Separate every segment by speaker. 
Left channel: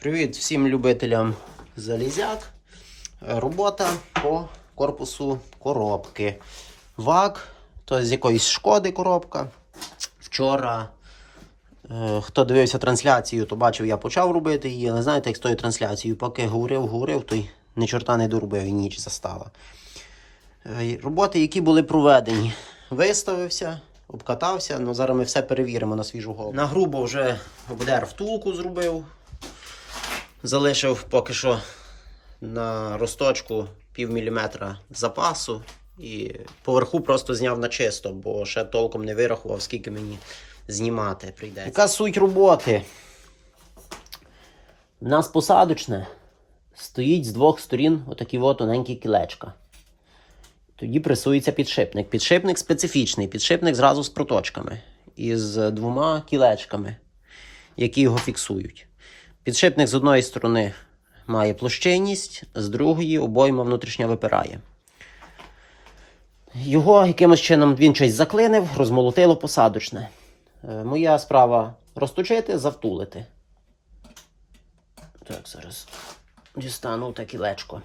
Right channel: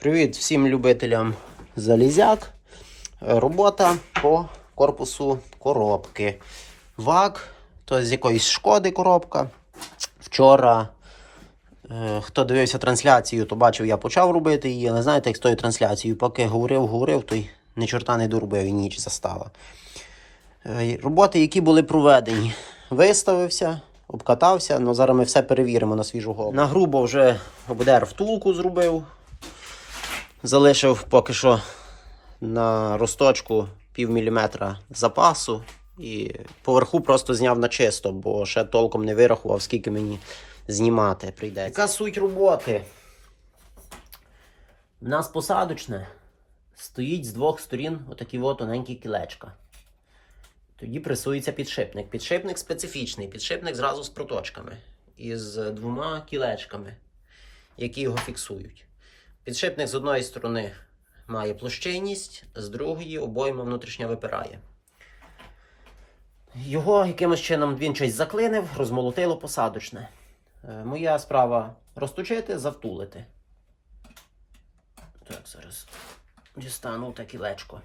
Speaker 1: Привіт всім любителям залізяк. Робота по корпусу коробки. ВАК, то з якоїсь шкоди коробка. Вчора, е, хто дивився трансляцію, то бачив, я почав робити її, але знаєте, як з тою трансляцією, поки говорив, говорив, то й ні чорта не доробив і ніч застала. Е, Роботи, які були проведені, виставився, обкатався, але зараз ми все перевіримо на свіжу голову. На грубо вже обдер втулку зробив. Залишив поки що на росточку пів міліметра запасу і поверху просто зняв на чисто, бо ще толком не вирахував, скільки мені знімати прийде. Яка суть роботи? У нас посадочне стоїть з двох сторін отакі от тоненькі кілечка. Тоді пресується підшипник. Підшипник специфічний, підшипник зразу з проточками і з двома кілечками, які його фіксують. Підшипник з одної сторони має площинність, з другої обойма внутрішня випирає. Його якимось чином він щось заклинив, розмолотило посадочне. Е, Моя справа розточити, завтулити. Так, зараз дістану таке лечко.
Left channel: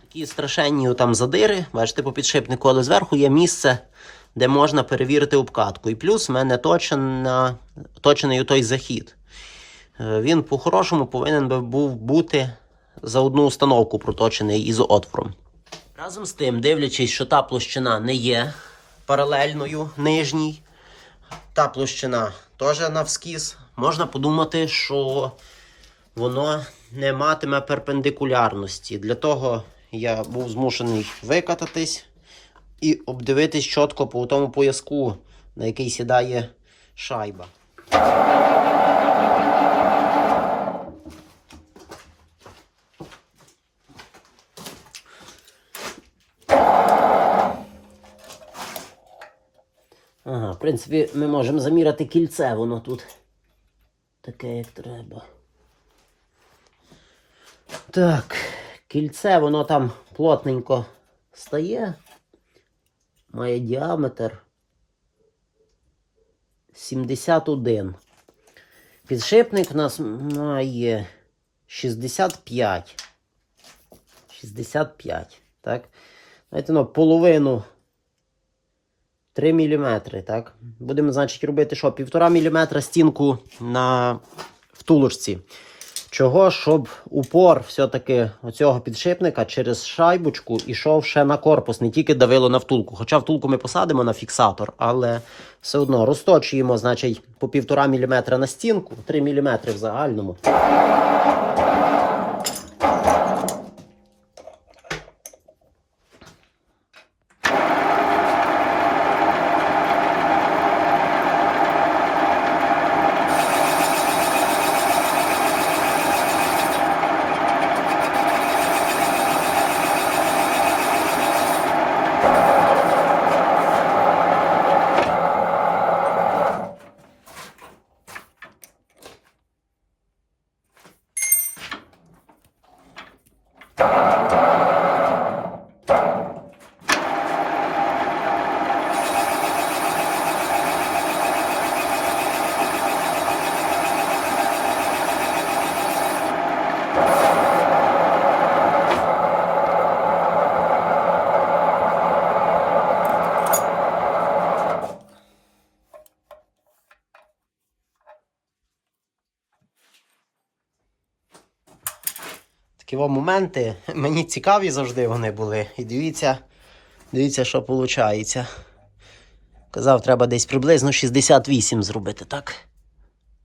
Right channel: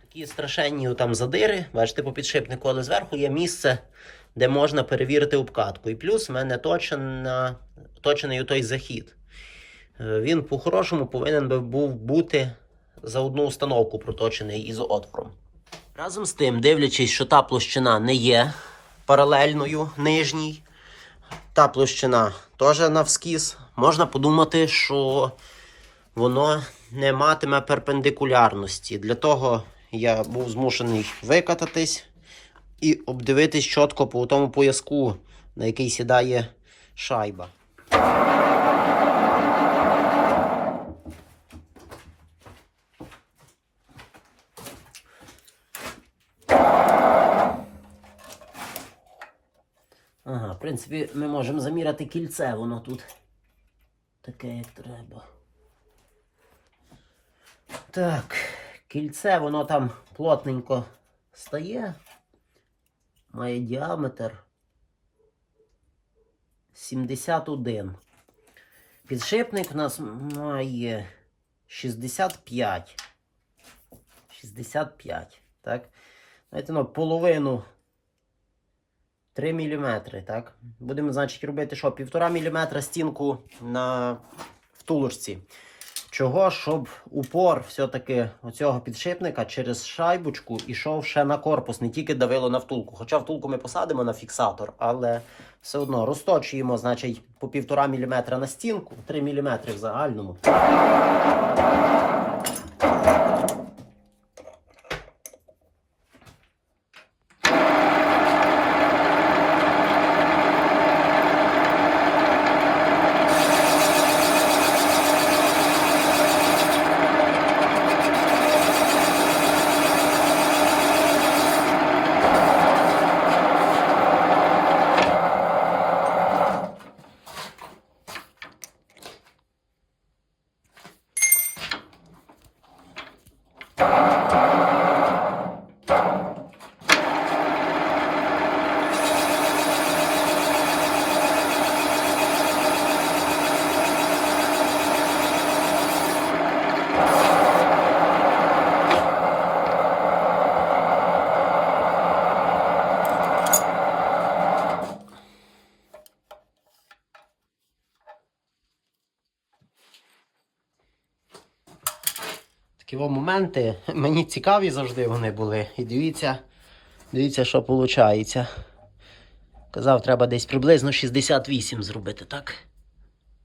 Speaker 1: Такі страшенні там задири, бачите, по підшипнику, але зверху є місце, де можна перевірити обкатку. І плюс в мене точена, точений той захід. Е, Він по-хорошому повинен би був бути за одну установку проточений із отвором. Разом з тим, дивлячись, що та площина не є паралельною нижній, та площина теж навскіз, можна подумати, що воно не матиме перпендикулярності. Для того я був змушений викататись і обдивитись чітко по тому пояску, на який сідає шайба. Ага, в принципі, ми можемо заміряти кільце, воно тут таке, як треба. Так, кільце, воно там плотненько стає. Має діаметр 71. Підшипник у нас має 65. 65, так? Знаєте, ну, половину 3 мм, так? Будемо, значить, робити що? 1,5 мм стінку на втулочці. Чого, щоб упор все-таки оцього підшипника через шайбочку ішов ще на корпус, не тільки давило на втулку. Хоча втулку ми посадимо на фіксатор, але все одно розточуємо, значить, по 1,5 мм на стінку, 3 мм в загальному. Такі моменти мені цікаві завжди вони були. І дивіться, дивіться, що виходить. Казав, треба десь приблизно 68 зробити, так?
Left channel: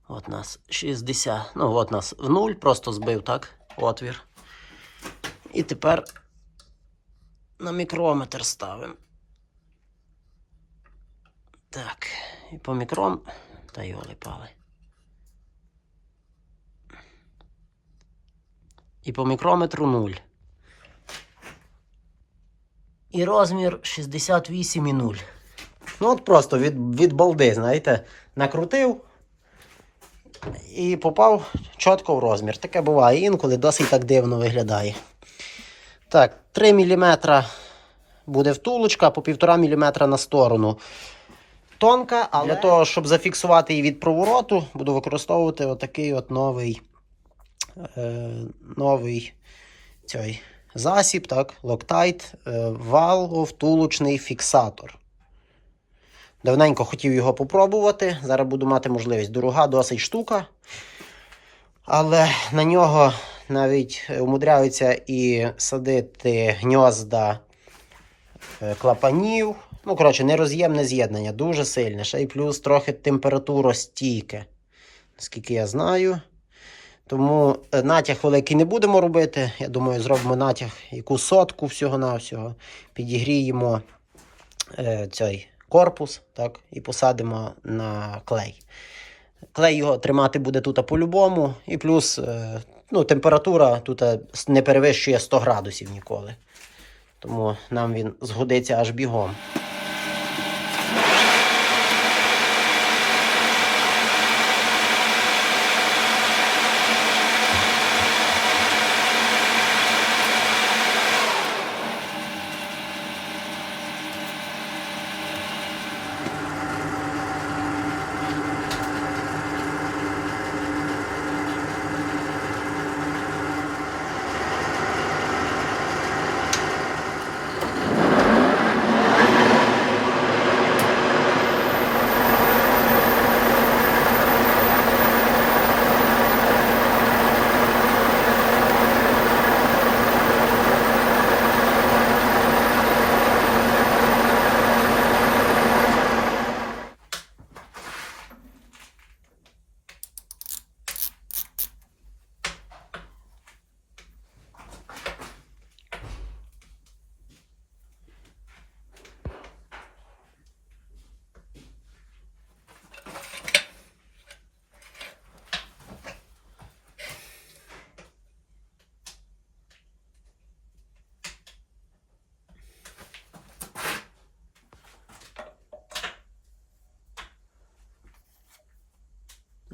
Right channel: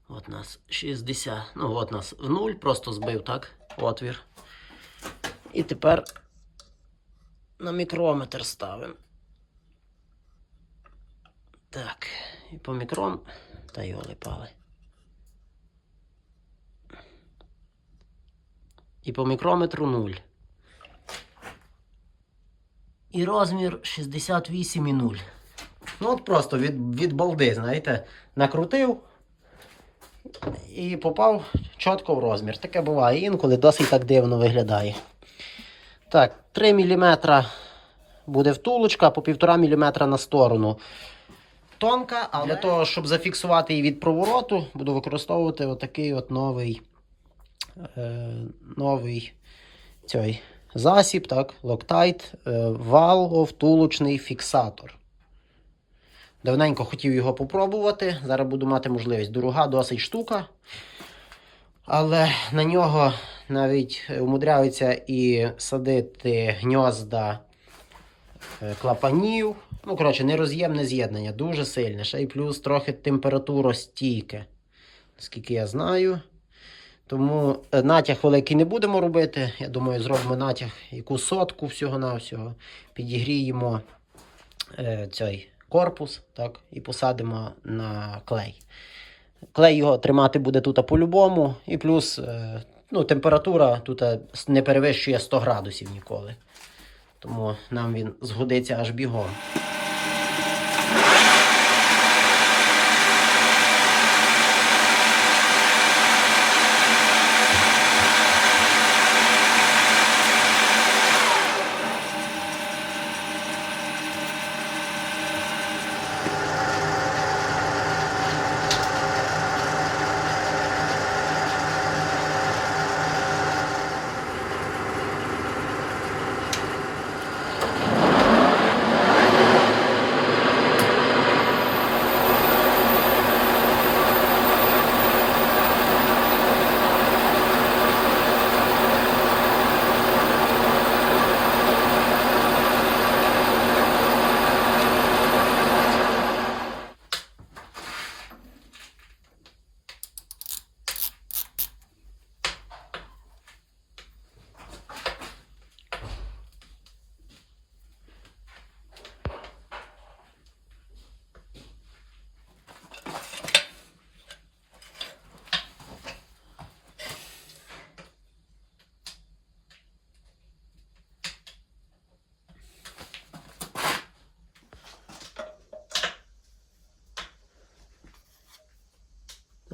Speaker 1: От нас 60. Ну, от нас в нуль просто збив, так? Отвір. І тепер на мікрометр ставимо. Так, і по мікрон. Та його липали. І по мікрометру 0. І розмір 68,0. Ну, от просто від, від балди, знаєте, накрутив і попав чітко в розмір. Таке буває інколи досить так дивно виглядає. Так, 3 мм буде втулочка, по 1,5 мм на сторону. Тонка, але для того, щоб зафіксувати її від провороту, буду використовувати отакий от новий е, новий цей засіб, так, Loctite е, валовтулочний фіксатор. Давненько хотів його попробувати. Зараз буду мати можливість. Дорога досить штука. Але на нього навіть умудряються і садити гнізда е, клапанів. Ну, коротше, нероз'ємне з'єднання, дуже сильне. Ще й плюс трохи температуростійке, наскільки я знаю. Тому е, натяг великий не будемо робити. Я думаю, зробимо натяг яку сотку всього-навсього. Підігріємо е, цей корпус так, і посадимо на клей. Клей його тримати буде тут по-любому. І плюс е, ну, температура тут е, не перевищує 100 градусів ніколи. Тому нам він згодиться аж бігом.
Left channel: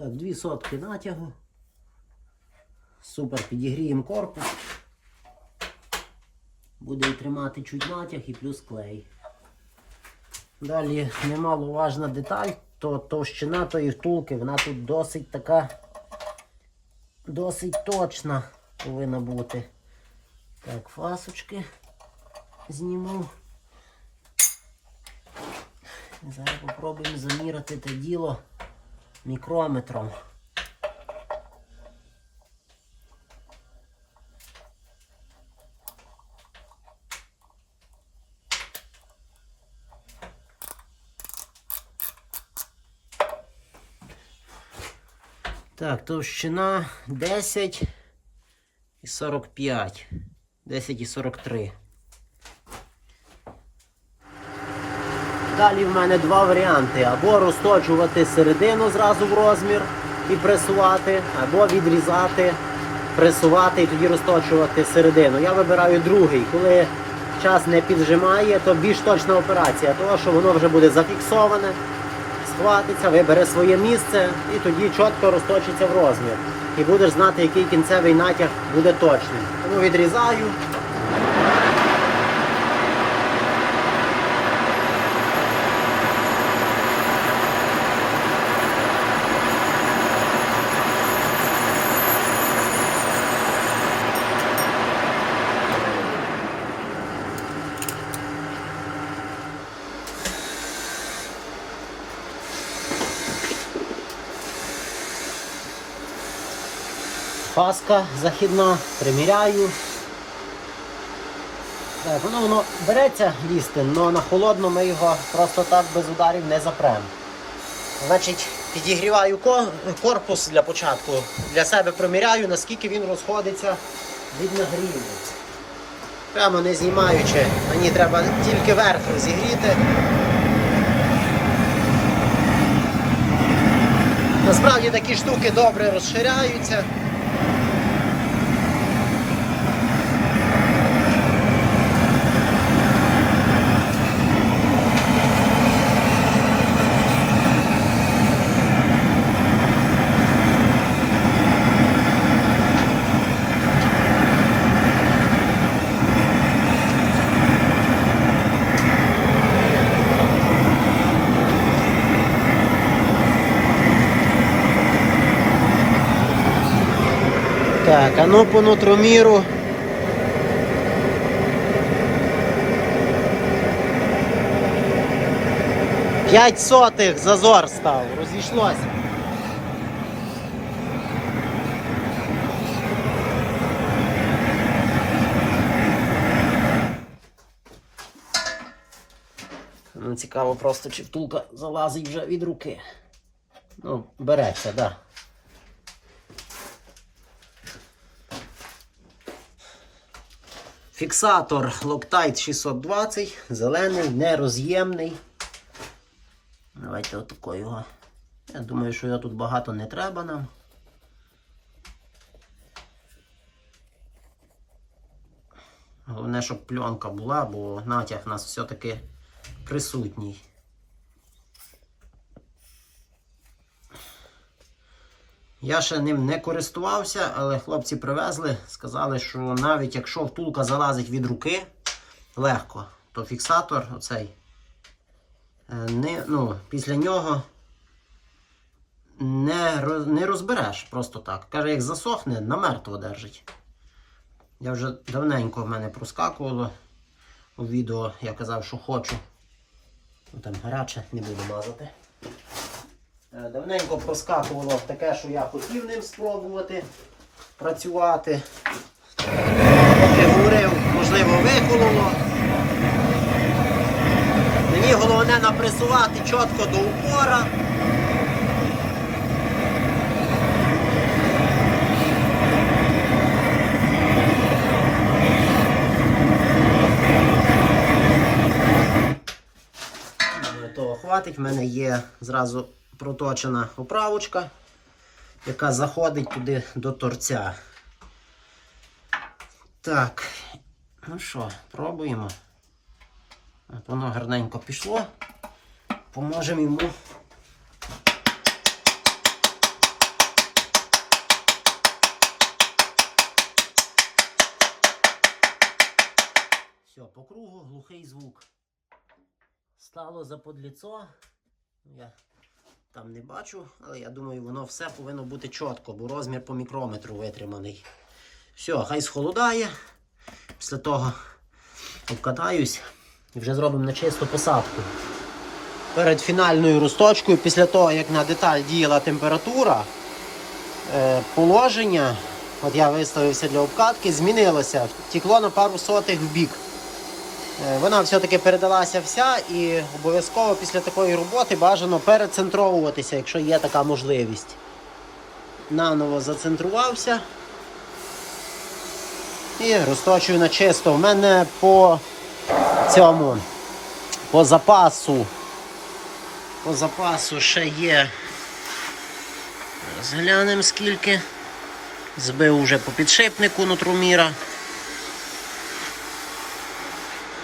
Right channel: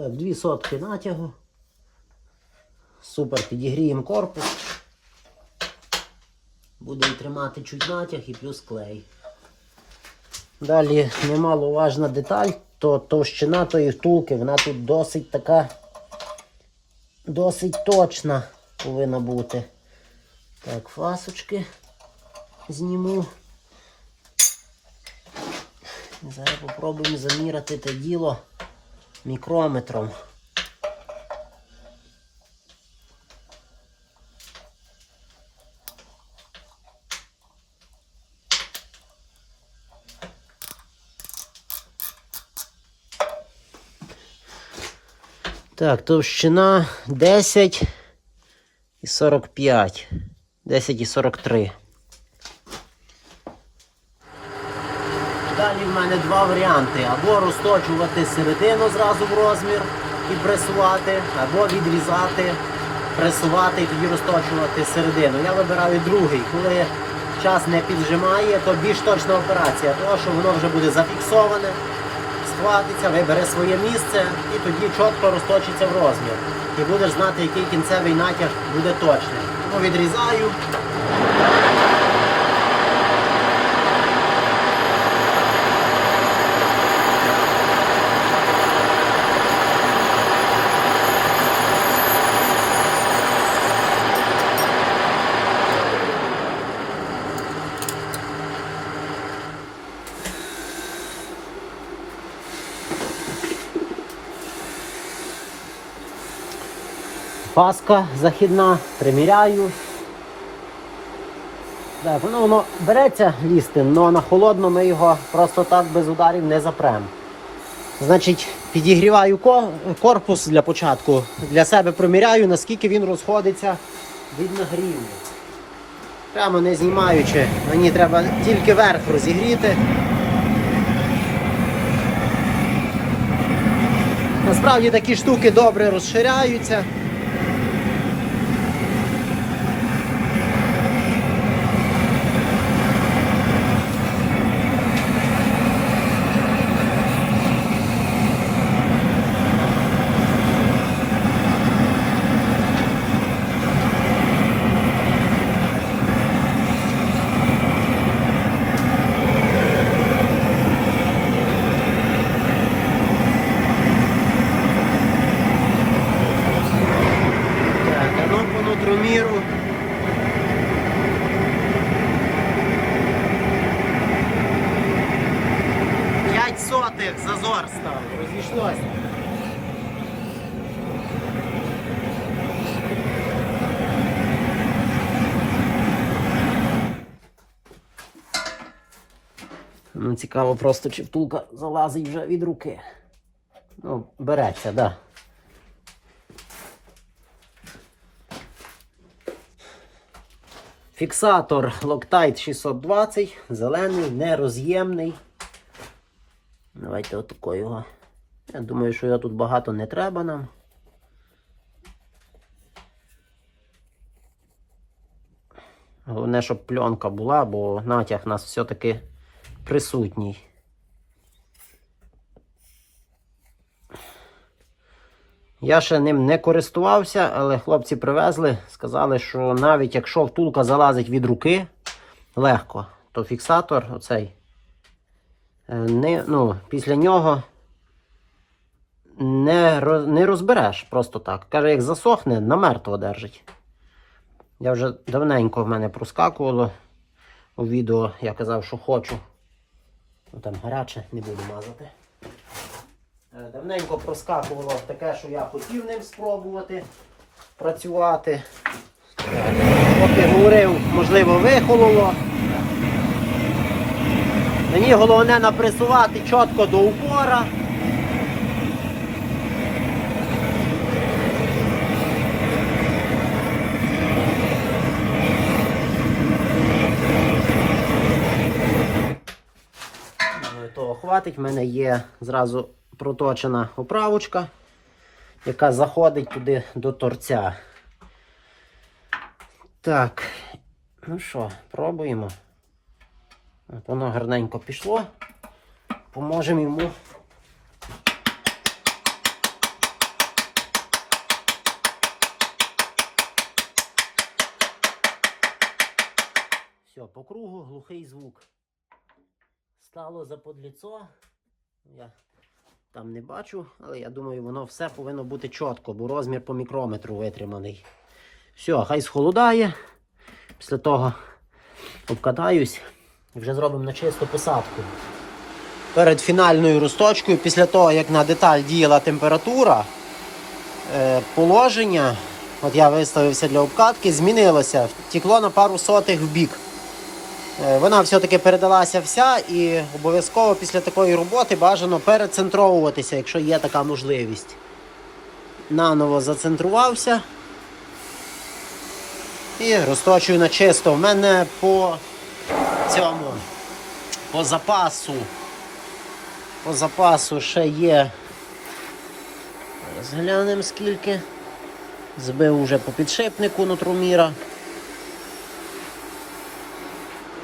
Speaker 1: Так, дві сотки натягу. Супер, підігріємо корпус. Буде і тримати чуть натяг і плюс клей. Далі немаловажна деталь, то товщина тої втулки, вона тут досить така, досить точна повинна бути. Так, фасочки зніму. Зараз попробуємо заміряти те діло мікрометром. Так, товщина 10 і 45. 10 і 43. Далі в мене два варіанти. Або розточувати середину зразу в розмір і пресувати, або відрізати, пресувати і тоді розточувати середину. Я вибираю другий. Коли час не піджимає, то більш точна операція, тому що воно вже буде зафіксоване, схватиться, вибере своє місце і тоді чітко розточиться в розмір. І будеш знати, який кінцевий натяг буде точним. Тому відрізаю. Паска західна, приміряю. Так, воно, воно береться лізти, але на холодно ми його просто так без ударів не запремо. Значить, підігріваю корпус для початку. Для себе приміряю, наскільки він розходиться від нагріву. Прямо не знімаючи, мені треба тільки верх розігріти. Насправді такі штуки добре розширяються. По нутроміру. П'ять сотих зазор став, розійшлося. Ну, цікаво просто, чи втулка залазить вже від руки. Ну, береться, так. Да. Фіксатор Loctite 620, зелений, нероз'ємний. Давайте отако його. Я думаю, що його тут багато не треба нам. Головне, щоб пленка була, бо натяг у нас все-таки присутній. Я ще ним не користувався, але хлопці привезли, сказали, що навіть якщо втулка залазить від руки легко, то фіксатор оцей е, не, ну, після нього не, не розбереш просто так. Каже, як засохне, намертво держить. Я вже давненько в мене проскакувало у відео, я казав, що хочу. Ну там гаряче, не буду мазати. Е, Давненько проскакувало таке, що я хотів ним спробувати працювати. Поки говорив, можливо, вихололо. Мені головне напресувати чітко до упора. Е, Того хватить. В мене є зразу проточена оправочка, яка заходить туди до торця. Так, ну що, пробуємо. Воно гарненько пішло. Поможемо йому. Все, по кругу глухий звук. Стало за подліцо. Я там не бачу, але я думаю, воно все повинно бути чітко, бо розмір по мікрометру витриманий. Все, хай схолодає. Після того обкатаюсь і вже зробимо на чисту посадку. Перед фінальною розточкою, після того, як на деталь діяла температура, е, положення, от я виставився для обкатки, змінилося. Втекло на пару сотих в бік. Е, Вона все-таки передалася вся і обов'язково після такої роботи бажано перецентровуватися, якщо є така можливість. Наново зацентрувався. І розточую на чисто. У мене по цьому, по запасу, по запасу ще є. Зараз глянемо скільки. Збив уже по підшипнику нутруміра.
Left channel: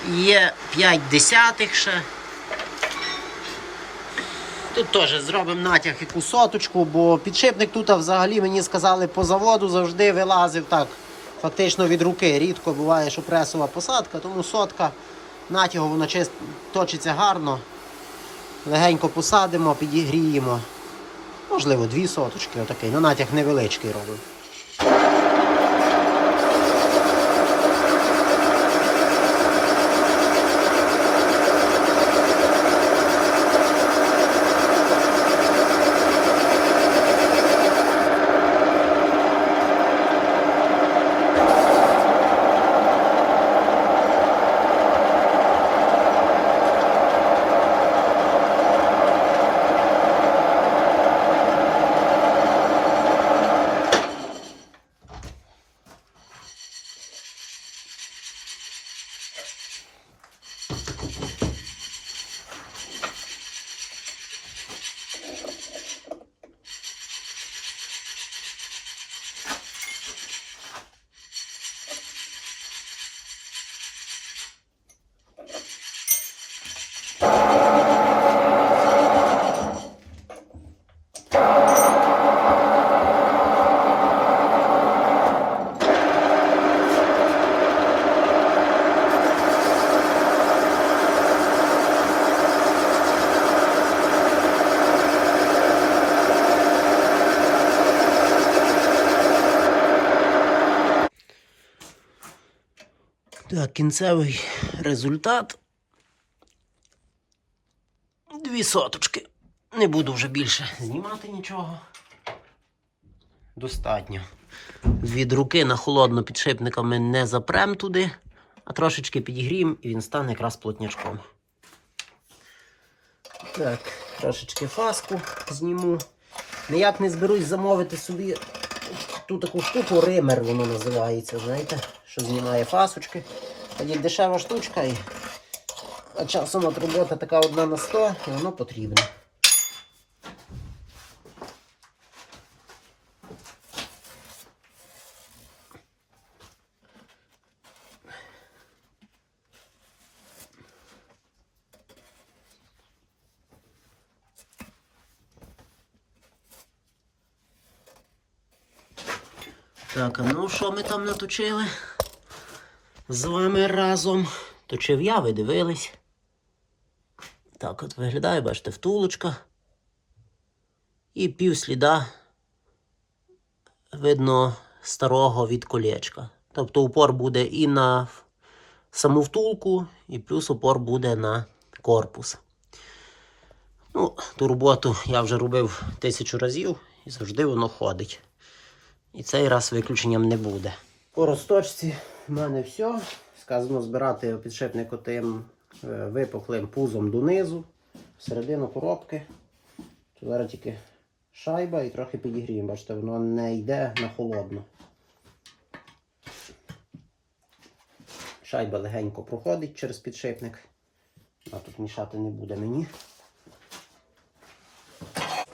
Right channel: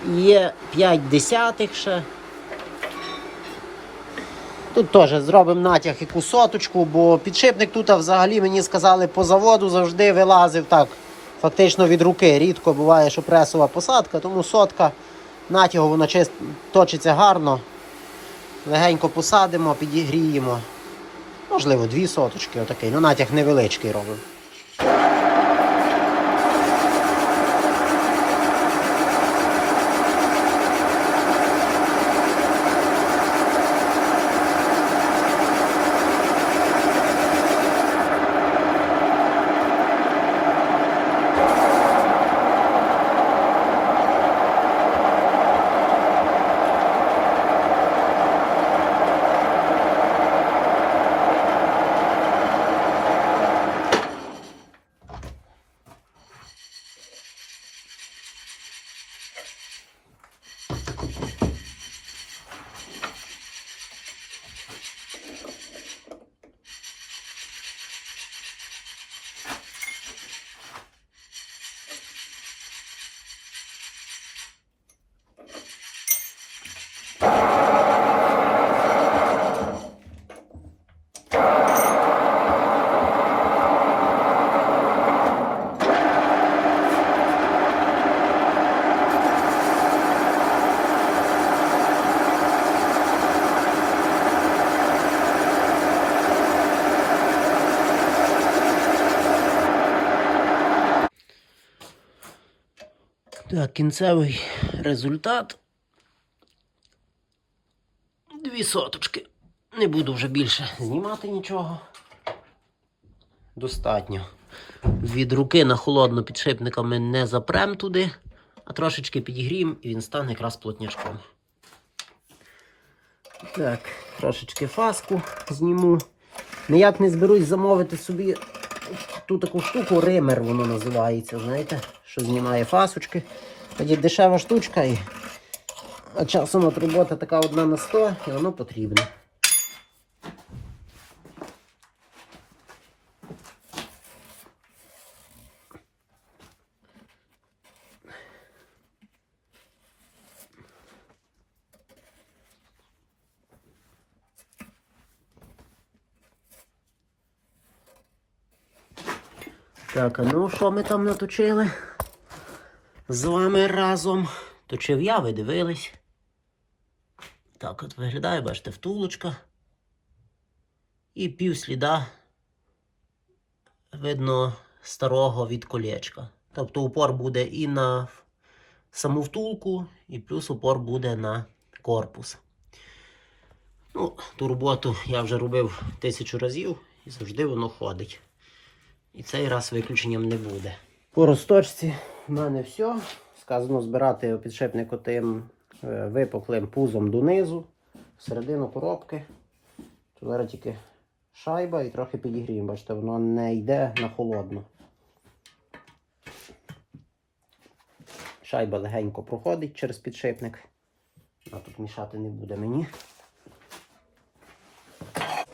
Speaker 1: Є 5 десятих ще. Тут теж зробимо натяг яку соточку, бо підшипник тут взагалі мені сказали по заводу завжди вилазив так, фактично від руки. Рідко буває, що пресова посадка, тому сотка натягу вона чист, точиться гарно. Легенько посадимо, підігріємо. Можливо, дві соточки, отакий. Ну, натяг невеличкий робимо. Так, кінцевий результат. Дві соточки. Не буду вже більше знімати нічого. Достатньо. Від руки на холодно підшипниками не запрем туди, а трошечки підігріємо і він стане якраз плотнячком. Так, трошечки фаску зніму. Ніяк не зберусь замовити собі ту таку штуку, ример воно називається, знаєте, що знімає фасочки. Тоді дешева штучка і часом от робота така одна на 100 і воно потрібне. Так, а ну що ми там наточили? З вами разом. Точив я, ви дивились. Так от виглядає, бачите, втулочка. І пів сліда видно старого від колечка. Тобто упор буде і на саму втулку, і плюс упор буде на корпус. Ну, ту роботу я вже робив тисячу разів і завжди воно ходить. І цей раз виключенням не буде. По розточці в мене все. Сказано збирати підшипник отим е, випуклим пузом донизу, всередину коробки. Зараз тільки шайба і трохи підігріємо. Бачите, воно не йде на холодну. Шайба легенько проходить через підшипник. А тут мішати не буде мені.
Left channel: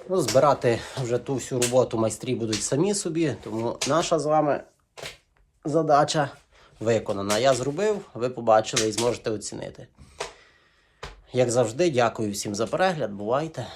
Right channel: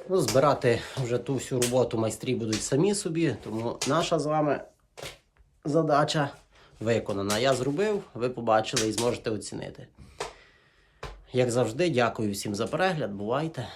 Speaker 1: Ну, збирати вже ту всю роботу майстрі будуть самі собі, тому наша з вами задача виконана. Я зробив, ви побачили і зможете оцінити. Як завжди, дякую всім за перегляд. Бувайте!